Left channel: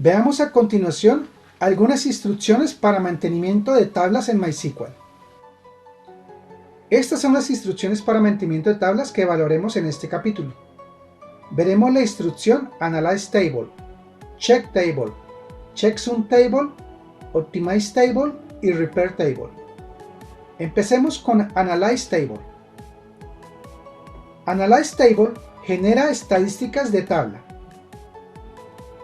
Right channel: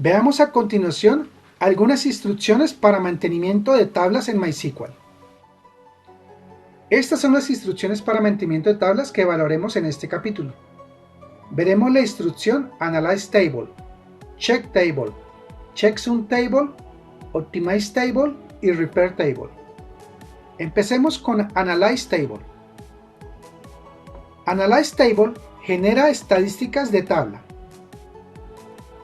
Veamos a continuación algunas instrucciones para mantenimiento de tablas en MySQL. Estas son las instrucciones para mantenimiento de tablas que evaluaremos en este capítulo. Veremos la instrucción Analyze Table, Check Table, Checksum Table, Optimize Table y Repair Table. Empecemos con Analyze Table. Analyze Table genera estadísticas de tabla.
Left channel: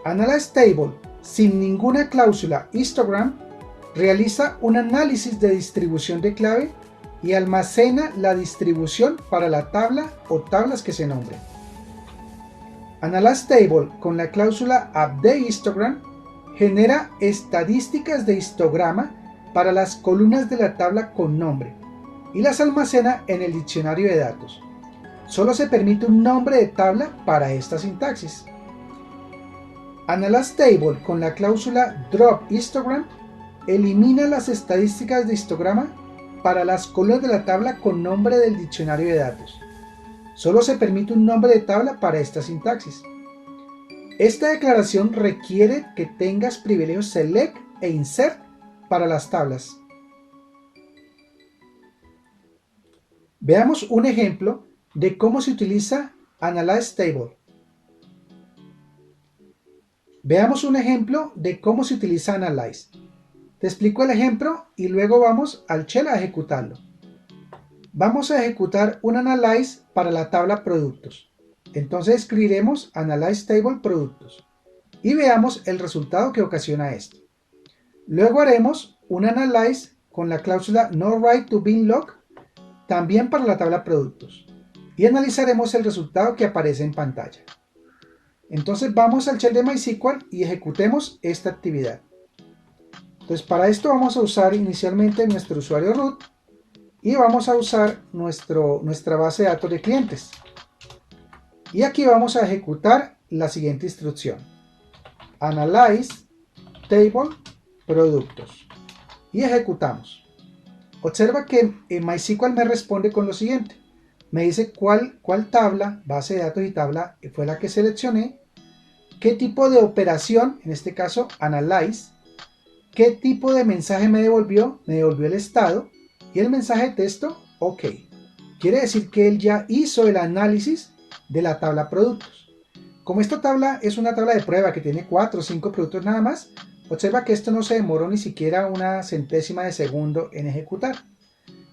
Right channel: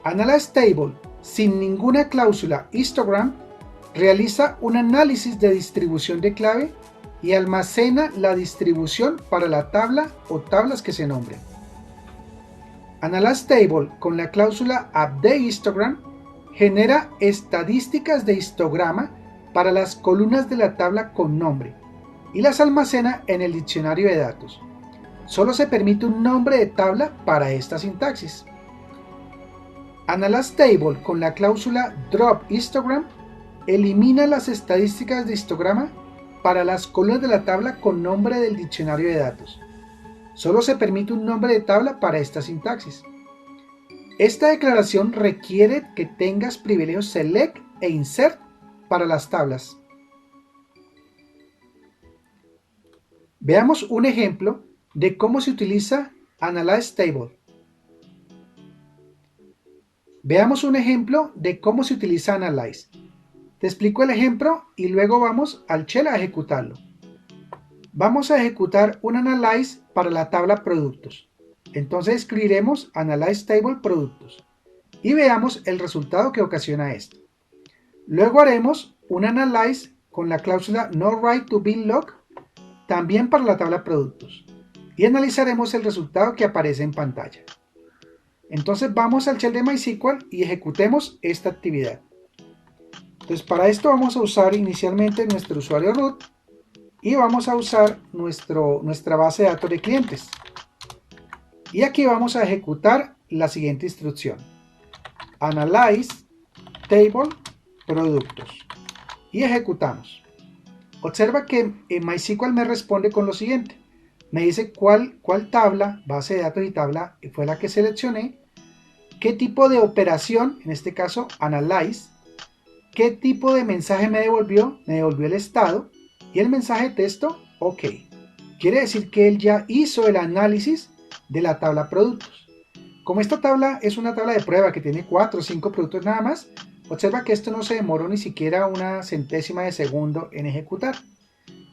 Analyze Table, sin ninguna cláusula histogram, realiza un análisis de distribución de clave y almacena la distribución para la tabla o tablas que se nombren. Analyze Table con la cláusula Update Histogram genera estadísticas de histograma para las columnas de la tabla con nombre y las almacena en el diccionario de datos. Solo se permite un nombre de tabla para esta sintaxis. Analyze Table con la cláusula Drop Histogram elimina las estadísticas de histograma para las columnas de la tabla con nombre del diccionario de datos. Solo se permite un nombre de tabla para esta sintaxis. Esta declaración requiere que tengas privilegios Select e Insert para las tablas. Veamos un ejemplo de cómo se utiliza Analyze Table. Veamos un ejemplo de cómo se utiliza Analyze. Te explico el ejemplo y luego vamos al shell a ejecutarlo. Vamos a ejecutar un Analyze para la tabla Productos. Entonces escribiremos Analyze Table Productos y veamos el resultado que ocasiona esto. Luego haremos un Analyze con la cláusula NoWrite2BinLog también para la tabla Productos y analizaremos el resultado que aparece en pantalla. Entonces vamos al shell de MySQL y ejecutemos esta actividad. Entonces para esto vamos a usar inicialmente nuestro usuario root y vamos a usar nuestra base de datos de clientes. Y aquí vamos a ejecutar la siguiente instrucción. Analyze Table Productos. Y ejecutamos. Observa que en MySQL me responde con lo siguiente. Me dice cuál tabla, base de datos y tabla fue la que seleccioné, qué tipo de operación, en este caso Analyze, qué tipo de mensaje me devolvió el estado y el mensaje de texto OK. Quiere decir que él ya hizo el análisis de la tabla productos. Como esta tabla es una tabla de prueba que tiene 4 o 5 productos nada más, observa que esto no se demoró ni siquiera una centésima de segundo en ejecutar.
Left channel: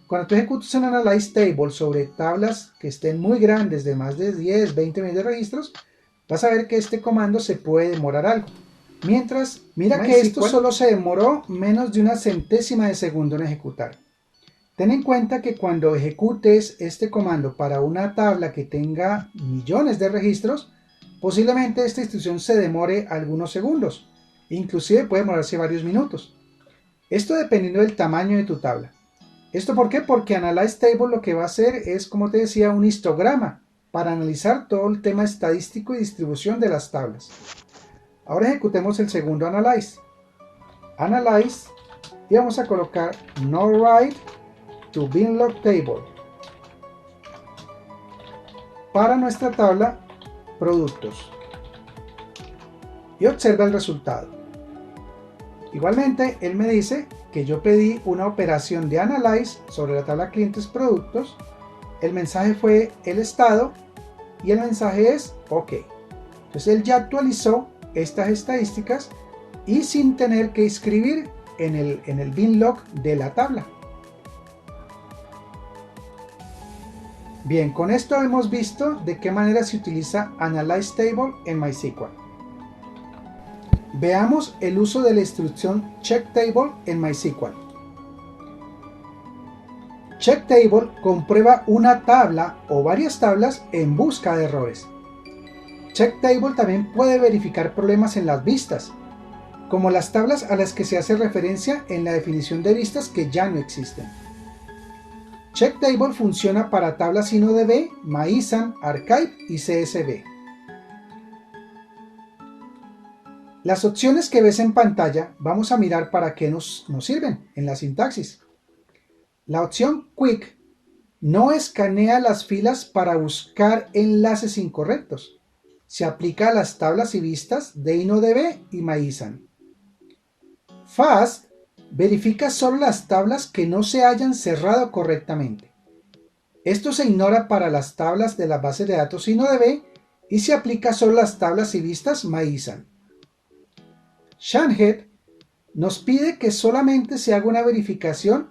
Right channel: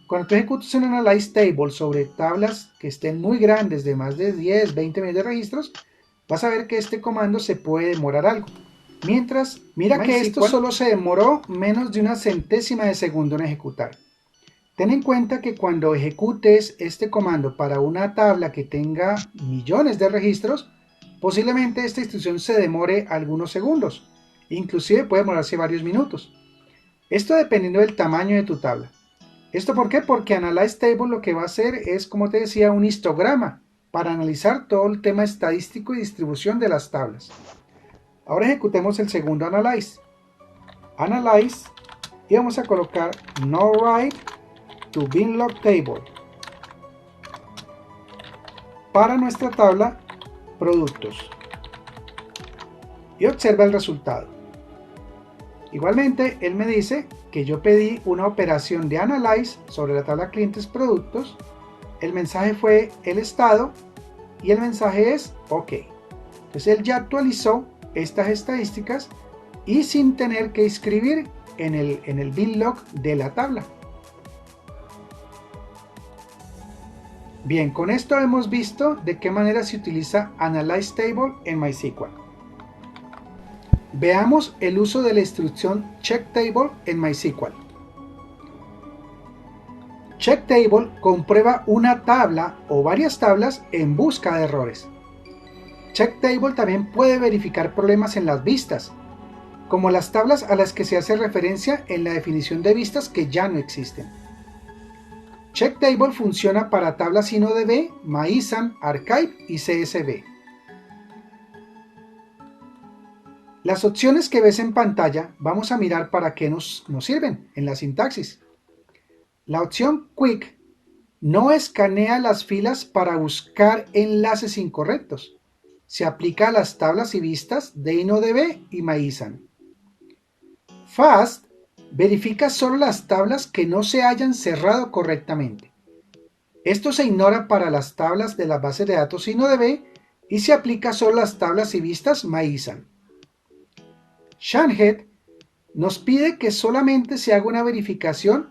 Cuando tú ejecutas un Analyze Table sobre tablas que estén muy grandes, de más de 10, 20 millones de registros, vas a ver que este comando se puede demorar algo. Mientras, mira que esto solo se demoró menos de una centésima de segundo en ejecutar. Ten en cuenta que cuando ejecutes este comando para una tabla que tenga millones de registros, posiblemente esta instrucción se demore algunos segundos, inclusive puede demorarse varios minutos. Esto dependiendo del tamaño de tu tabla. ¿Esto por qué? Porque Analyze Table lo que va a hacer es, como te decía, un histograma para analizar todo el tema estadístico y distribución de las tablas. Ahora ejecutemos el segundo Analyze. Analyze y vamos a colocar NoWrite2BinLog Table para nuestra tabla Productos. Y observa el resultado. Igualmente, él me dice que yo pedí una operación de Analyze sobre la tabla Clientes Productos. El mensaje fue el estado y el mensaje es OK. Entonces él ya actualizó estas estadísticas y sin tener que escribir en el binlog de la tabla. Bien, con esto hemos visto de qué manera se utiliza Analyze Table en MySQL. Veamos el uso de la instrucción Check Table en MySQL. Check Table comprueba una tabla o varias tablas en busca de errores. Check Table también puede verificar problemas en las vistas, como las tablas a las que se hace referencia en la definición de vistas que ya no existen. Check Table funciona para tablas InnoDB, MyISAM, Archive y CSV. Las opciones que ves en pantalla vamos a mirar para qué nos sirven en la sintaxis. La opción Quick no escanea las filas para buscar enlaces incorrectos, se aplica a las tablas y vistas de InnoDB y MyISAN. Fast verifica solo las tablas que no se hayan cerrado correctamente. Esto se ignora para las tablas de las bases de datos InnoDB y se aplica solo a las tablas y vistas MyISAN. Shanhead nos pide que solamente se haga una verificación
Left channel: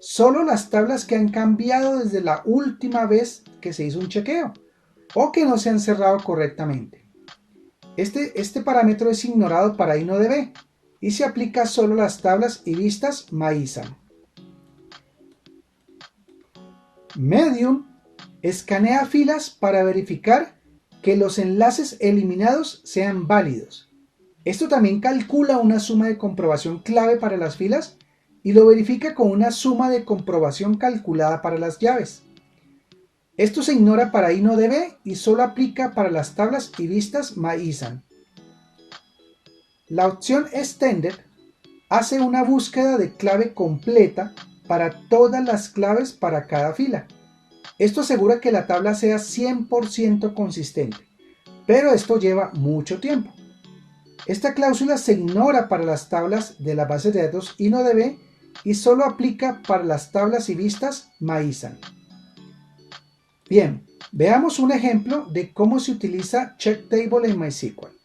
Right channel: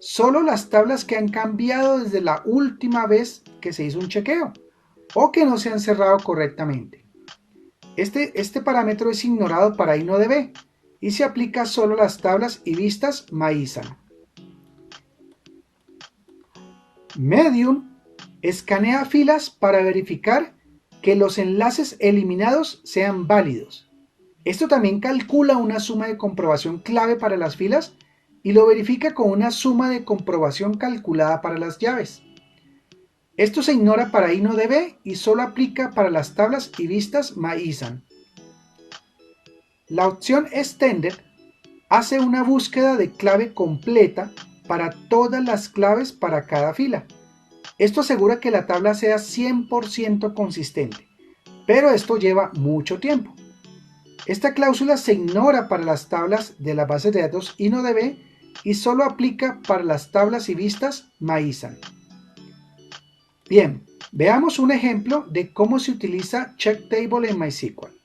solo las tablas que han cambiado desde la última vez que se hizo un chequeo o que no se han cerrado correctamente. Este parámetro es ignorado para InnoDB y se aplica solo a las tablas y vistas MyISAN. Medium escanea filas para verificar que los enlaces eliminados sean válidos. Esto también calcula una suma de comprobación clave para las filas y lo verifica con una suma de comprobación calculada para las llaves. Esto se ignora para InnoDB y solo aplica para las tablas y vistas MyISAN. La opción Extended hace una búsqueda de clave completa para todas las claves para cada fila. Esto asegura que la tabla sea 100% consistente, pero esto lleva mucho tiempo. Esta cláusula se ignora para las tablas de las bases de datos InnoDB y solo aplica para las tablas y vistas MyISAN. Bien, veamos un ejemplo de cómo se utiliza checktable en MySQL.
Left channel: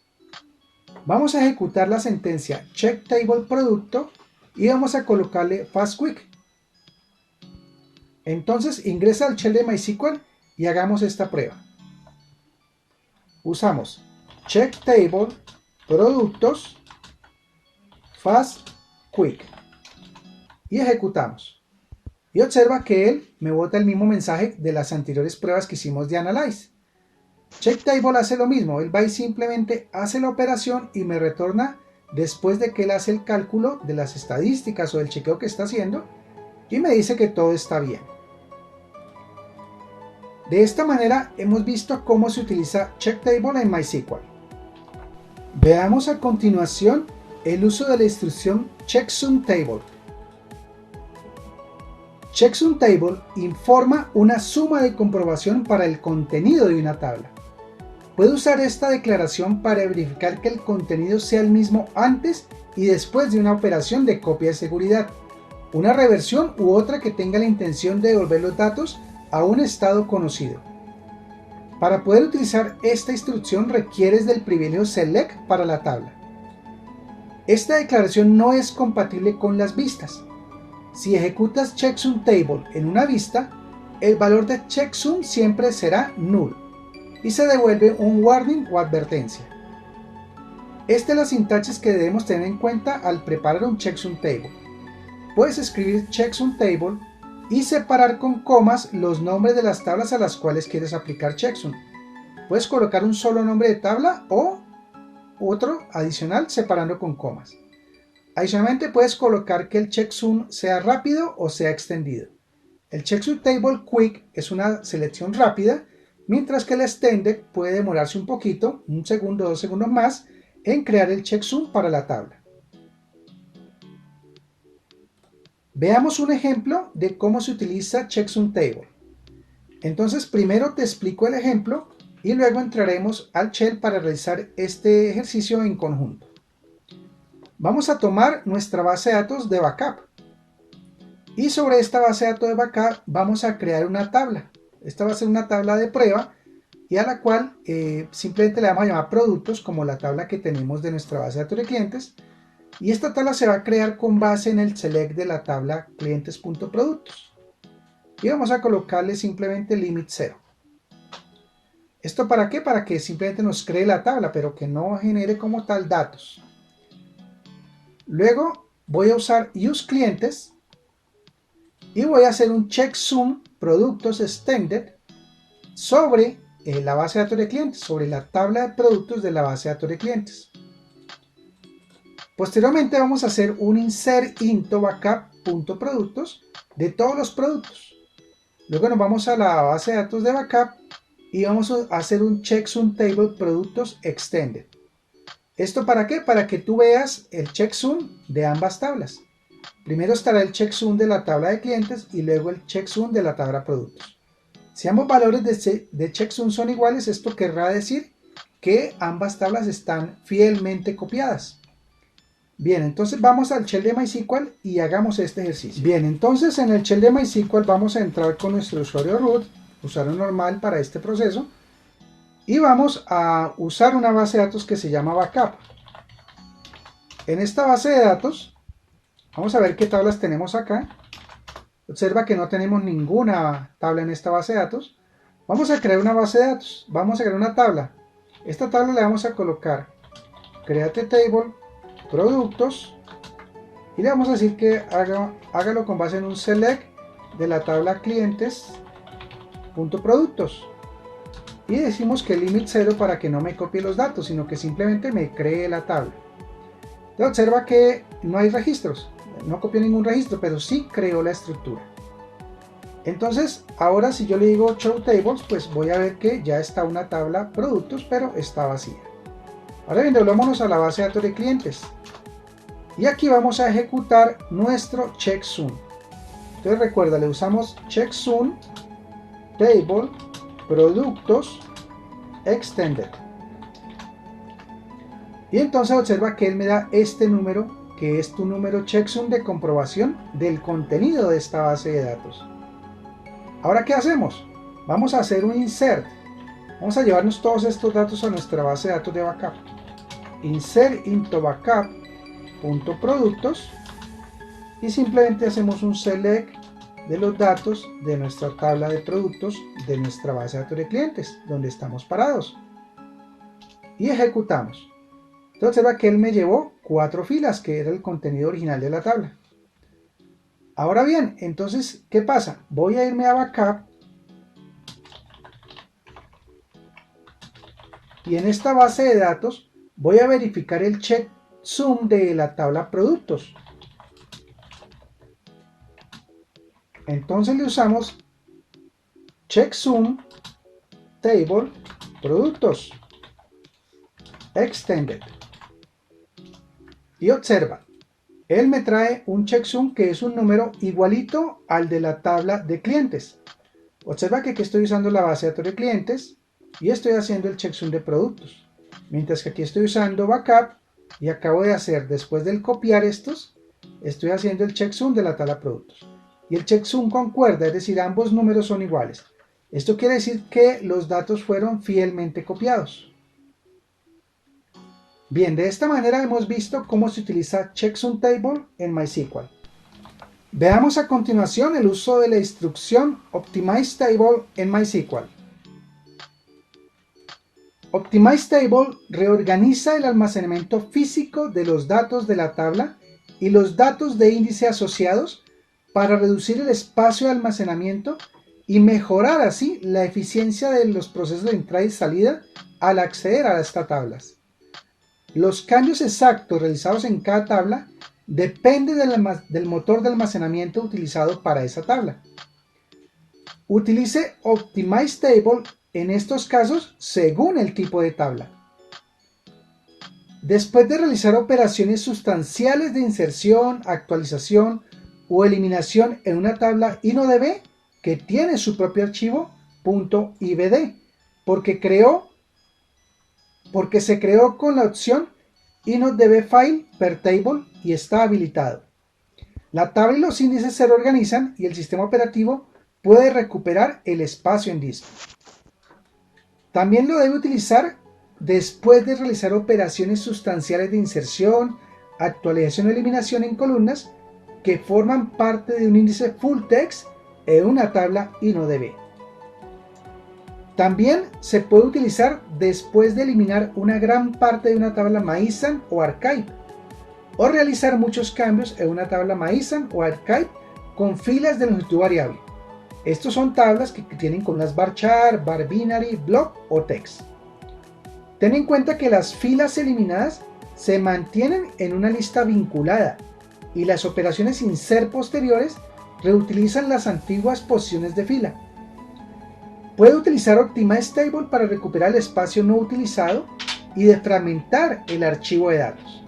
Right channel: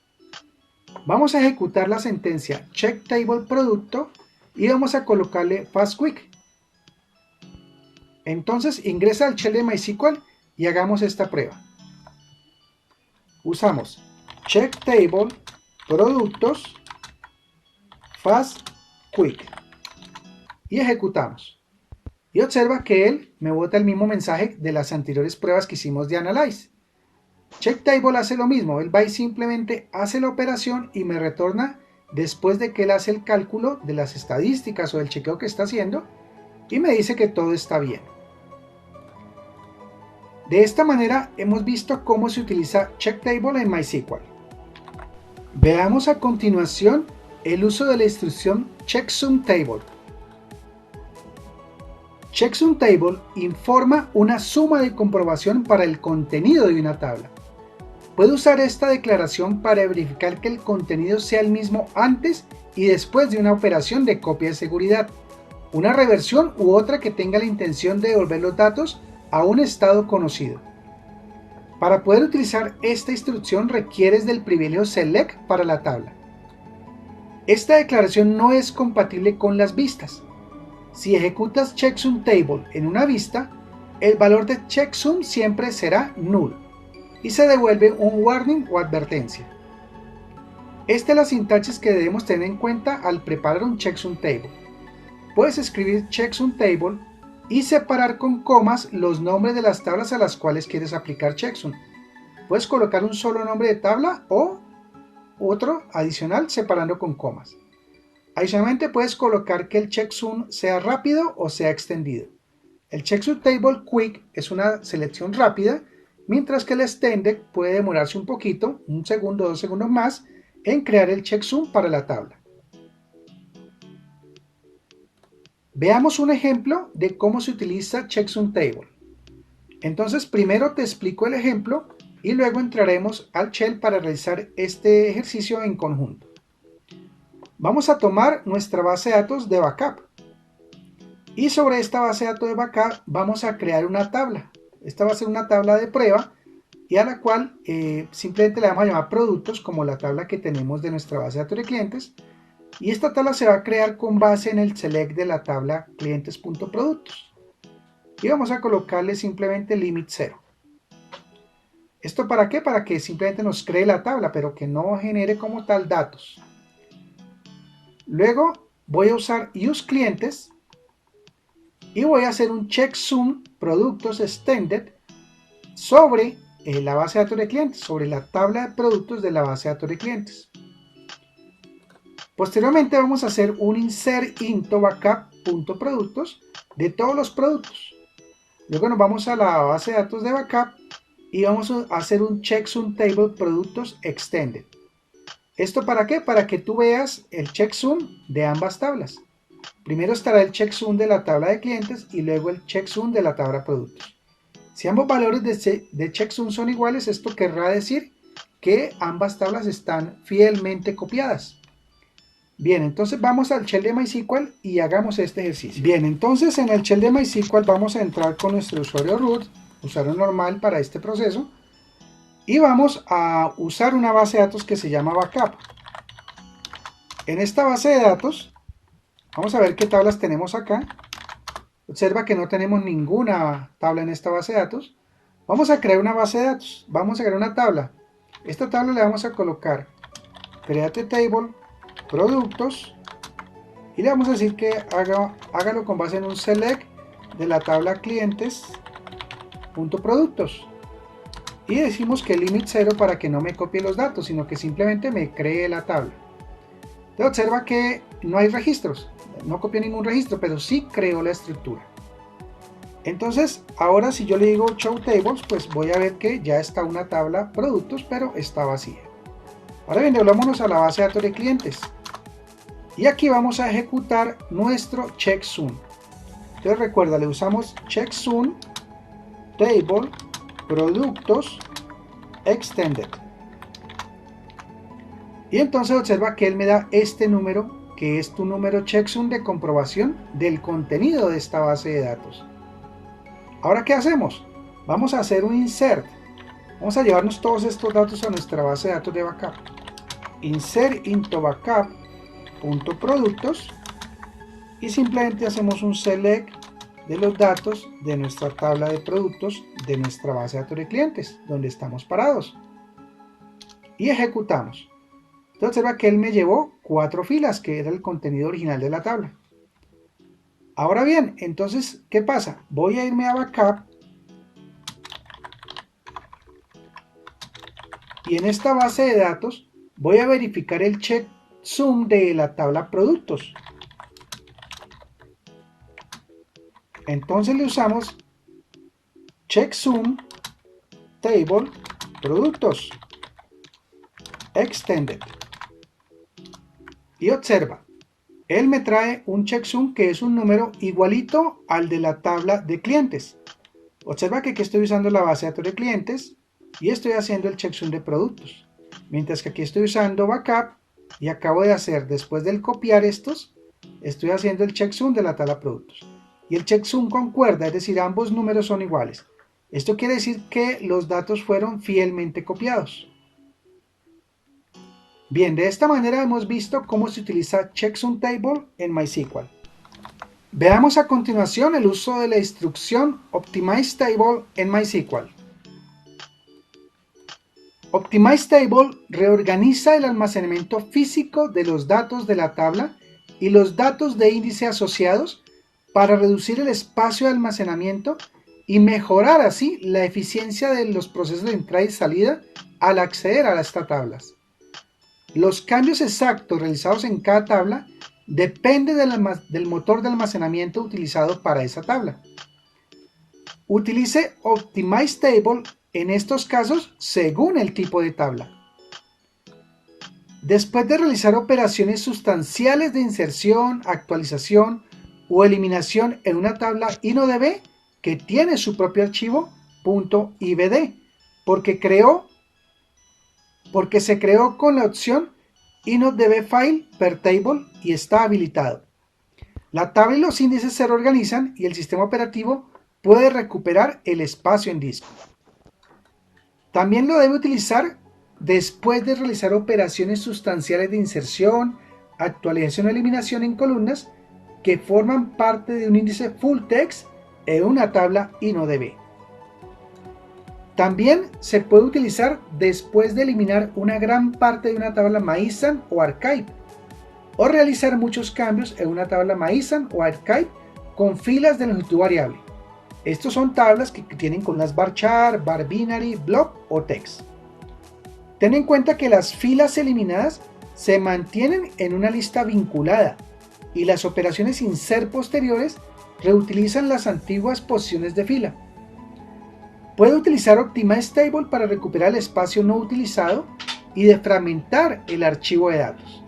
Vamos a ejecutar la sentencia checktable producto y vamos a colocarle fast quick. Entonces ingresa al shell de MySQL y hagamos esta prueba. Usamos checktable productos fast quick y ejecutamos. Y observa que él me bota el mismo mensaje de las anteriores pruebas que hicimos de Analyze. Checktable hace lo mismo, él va y simplemente hace la operación y me retorna después de que él hace el cálculo de las estadísticas o el chequeo que está haciendo y me dice que todo está bien. De esta manera hemos visto cómo se utiliza checktable en MySQL. Veamos a continuación el uso de la instrucción checksumTable. CheckSumTable informa una suma de comprobación para el contenido de una tabla. Puede usar esta declaración para verificar que el contenido sea el mismo antes y después de una operación de copia de seguridad, una reversión u otra que tenga la intención de devolver los datos a un estado conocido. Para poder utilizar esta instrucción requieres del privilegio select para la tabla. Esta declaración no es compatible con las vistas. Si ejecutas checksumTable en una vista, el valor de checksum siempre será null y se devuelve un warning o advertencia. Esta es la sintaxis que debemos tener en cuenta al preparar un checksumTable. Puedes escribir checksumTable y separar con comas los nombres de las tablas a las cuales quieres aplicar checksum. Puedes colocar un solo nombre de tabla o otro adicional separando con comas. Adicionalmente puedes colocar que el checksum sea rápido o sea extendido. El checksumTable quick es una selección rápida, mientras que el extended puede demorarse un poquito, un segundo o 2 segundos más, en crear el checksum para la tabla. Veamos un ejemplo de cómo se utiliza checksumTable. Entonces primero te explico el ejemplo y luego entraremos al shell para realizar este ejercicio en conjunto. Vamos a tomar nuestra base de datos de backup y sobre esta base de datos de backup vamos a crear una tabla. Esta va a ser una tabla de prueba y a la cual simplemente le vamos a llamar productos, como la tabla que tenemos de nuestra base de datos de clientes, y esta tabla se va a crear con base en el select de la tabla clientes.productos y vamos a colocarle simplemente limit 0. ¿Esto para qué? Para que simplemente nos cree la tabla pero que no genere como tal datos. Luego voy a usar useClientes y voy a hacer un checksum productos extended sobre la base de datos de clientes, sobre la tabla de productos de la base de datos de clientes. Posteriormente vamos a hacer un insert into backup.productos de todos los productos. Luego nos vamos a la base de datos de backup y vamos a hacer un checksumTable productos extended. ¿Esto para qué? Para que tú veas el checksum de ambas tablas. Primero estará el checksum de la tabla de clientes y luego el checksum de la tabla de productos. Si ambos valores de checksum son iguales, esto querrá decir que ambas tablas están fielmente copiadas. Bien, entonces vamos al shell de MySQL y hagamos este ejercicio. Bien, entonces en el shell de MySQL vamos a entrar con nuestro usuario root, usuario normal para este proceso, y vamos a usar una base de datos que se llama backup. En esta base de datos, vamos a ver qué tablas tenemos acá. Observa que no tenemos ninguna tabla en esta base de datos. Vamos a crear una base de datos. Vamos a crear una tabla. Esta tabla le vamos a colocar create table, productos, y le vamos a decir que hágalo con base en un select de la tabla clientes.productos. Y decimos que limit 0 para que no me copie los datos, sino que simplemente me cree la tabla. Entonces observa que no hay registros. No copió ningún registro, pero sí creó la estructura. Entonces, ahora si yo le digo show tables, pues voy a ver que ya está una tabla productos, pero está vacía. Ahora bien, volvámonos a la base de datos de clientes. Y aquí vamos a ejecutar nuestro checkSum. Entonces recuerda, le usamos checkSum table productos extended. Y entonces observa que él me da este número, que es tu número checksum de comprobación del contenido de esta base de datos. Ahora, ¿qué hacemos? Vamos a hacer un insert. Vamos a llevarnos todos estos datos a nuestra base de datos de backup. Insert into backup.productos y simplemente hacemos un select de los datos de nuestra tabla de productos de nuestra base de datos de clientes, donde estamos parados. Y ejecutamos. Entonces observa que él me llevó 4 filas, que era el contenido original de la tabla. Ahora bien, entonces, ¿qué pasa? Voy a irme a backup y en esta base de datos voy a verificar el checksum de la tabla productos. Entonces le usamos checksum table productos extended. Y observa, él me trae un checksum que es un número igualito al de la tabla de clientes. Observa que aquí estoy usando la base de datos de clientes y estoy haciendo el checksum de productos. Mientras que aquí estoy usando backup y acabo de hacer, después del copiar estos, estoy haciendo el checksum de la tabla productos. Y el checksum concuerda, es decir, ambos números son iguales. Esto quiere decir que los datos fueron fielmente copiados. Bien, de esta manera hemos visto cómo se utiliza checksum table en MySQL. Veamos a continuación el uso de la instrucción optimize table en MySQL. Optimize table reorganiza el almacenamiento físico de los datos de la tabla y los datos de índice asociados para reducir el espacio de almacenamiento y mejorar así la eficiencia de los procesos de entrada y salida al acceder a estas tablas. Los cambios exactos realizados en cada tabla dependen del motor de almacenamiento utilizado para esa tabla. Utilice Optimize Table en estos casos según el tipo de tabla. Después de realizar operaciones sustanciales de inserción, actualización o eliminación en una tabla InnoDB que tiene su propio archivo .ibd, porque se creó con la opción InnoDB File per Table y está habilitado. La tabla y los índices se reorganizan y el sistema operativo puede recuperar el espacio en disco. También lo debe utilizar después de realizar operaciones sustanciales de inserción, actualización o eliminación en columnas que forman parte de un índice full text en una tabla InnoDB. También se puede utilizar después de eliminar una gran parte de una tabla MySQL o Archive, o realizar muchos cambios en una tabla MySQL o Archive con filas de longitud variable. Estos son tablas que tienen columnas varchar, var binary, block o text. Ten en cuenta que las filas eliminadas se mantienen en una lista vinculada y las operaciones insert posteriores reutilizan las antiguas posiciones de fila. Puede utilizar Optimize Table para recuperar el espacio no utilizado y defragmentar el archivo de datos.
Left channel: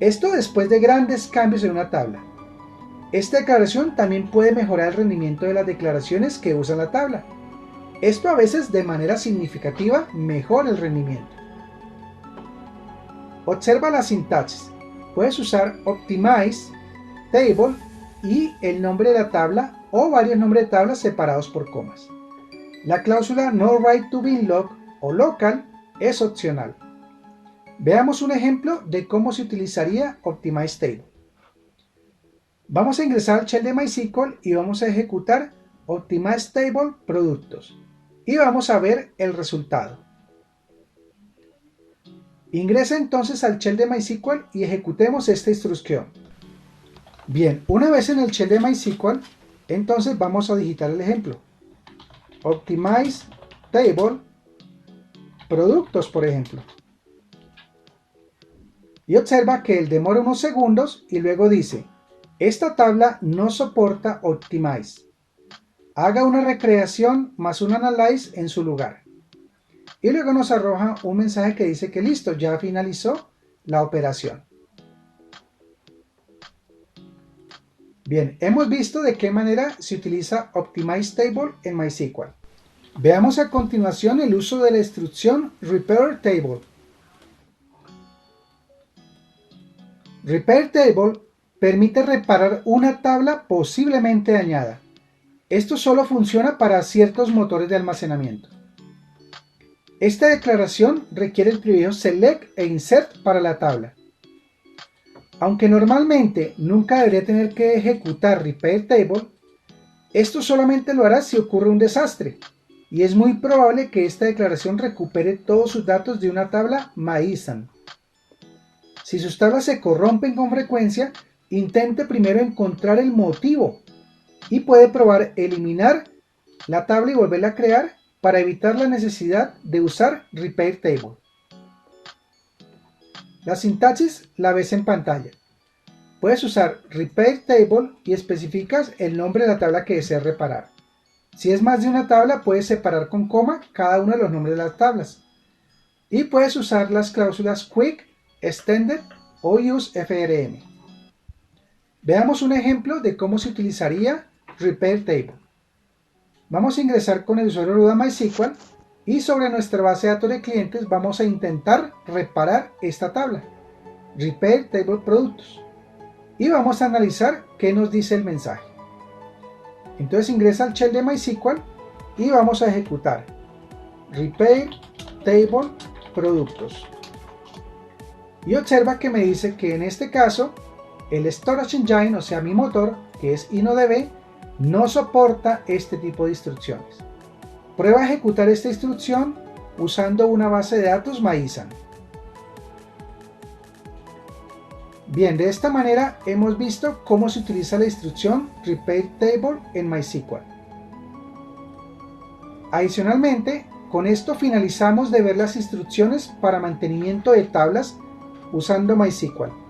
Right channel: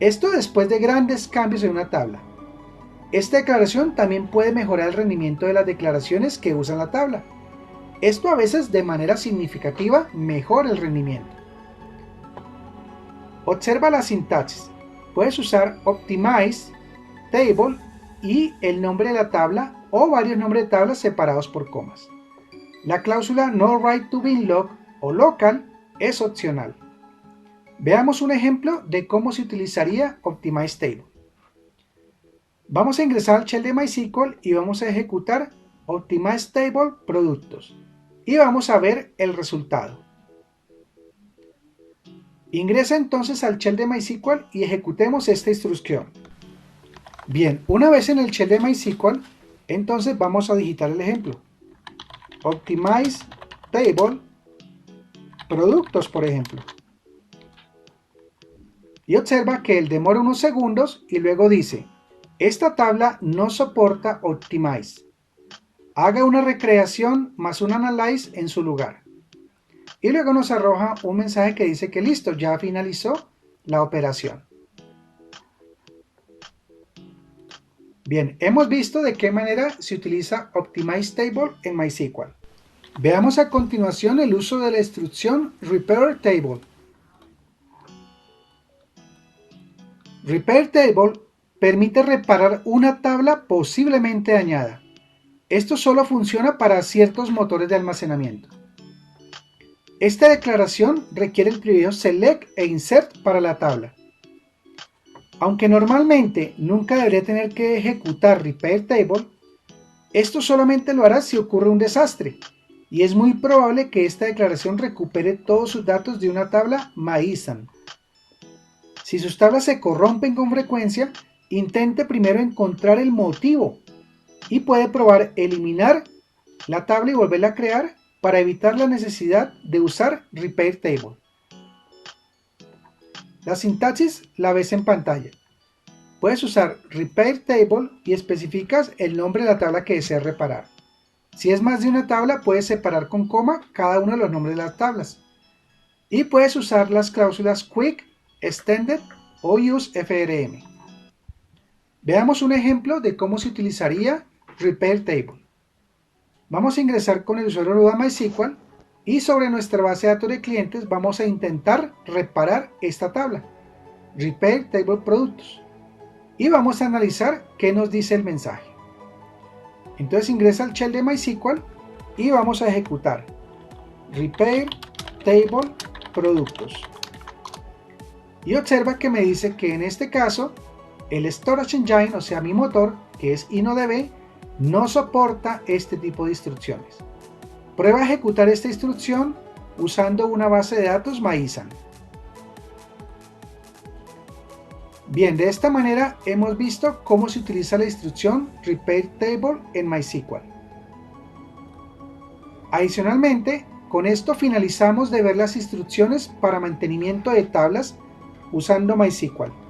Esto después de grandes cambios en una tabla. Esta declaración también puede mejorar el rendimiento de las declaraciones que usan la tabla. Esto a veces de manera significativa mejora el rendimiento. Observa la sintaxis. Puedes usar optimize, table y el nombre de la tabla o varios nombres de tablas separados por comas. La cláusula no write to bin log o local es opcional. Veamos un ejemplo de cómo se utilizaría optimize table. Vamos a ingresar al shell de MySQL y vamos a ejecutar optimize table productos y vamos a ver el resultado. Ingresa entonces al shell de MySQL y ejecutemos esta instrucción. Bien, una vez en el shell de MySQL, entonces vamos a digitar el ejemplo. Optimize table productos, por ejemplo. Y observa que él demora unos segundos y luego dice, esta tabla no soporta optimize. Haga una recreación más un analyze en su lugar. Y luego nos arroja un mensaje que dice que listo, ya finalizó la operación. Bien, hemos visto de qué manera se utiliza Optimize Table en MySQL. Veamos a continuación el uso de la instrucción Repair Table. Repair Table permite reparar una tabla posiblemente dañada. Esto solo funciona para ciertos motores de almacenamiento. Esta declaración requiere el prefijo select e insert para la tabla. Aunque normalmente nunca debería tener que ejecutar Repair Table, esto solamente lo hará si ocurre un desastre, y es muy probable que esta declaración recupere todos sus datos de una tabla MyISAM. Si sus tablas se corrompen con frecuencia, intente primero encontrar el motivo y puede probar eliminar la tabla y volverla a crear para evitar la necesidad de usar Repair Table. La sintaxis la ves en pantalla. Puedes usar Repair Table y especificas el nombre de la tabla que deseas reparar. Si es más de una tabla, puedes separar con coma cada uno de los nombres de las tablas. Y puedes usar las cláusulas Quick, Extended o UseFRM. Veamos un ejemplo de cómo se utilizaría Repair Table. Vamos a ingresar con el usuario root a MySQL y sobre nuestra base de datos de clientes vamos a intentar reparar esta tabla, Repair Table Productos, y vamos a analizar qué nos dice el mensaje. Entonces ingresa al shell de MySQL y vamos a ejecutar Repair Table Productos. Y observa que me dice que en este caso el Storage Engine, o sea mi motor, que es InnoDB, no soporta este tipo de instrucciones. Prueba a ejecutar esta instrucción usando una base de datos MyISAM. Bien, de esta manera hemos visto cómo se utiliza la instrucción Repair Table en MySQL. Adicionalmente, con esto finalizamos de ver las instrucciones para mantenimiento de tablas usando MySQL.